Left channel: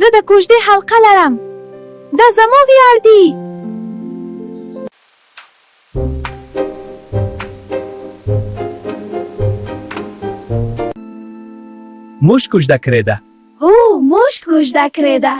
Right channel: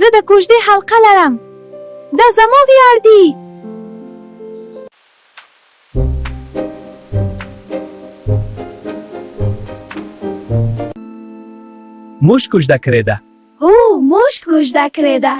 زه د کوژدې حلقه لرم. دا زما ویاړ دی. موږ کوژده کړې ده. هو، موږ کوژده کړې ده.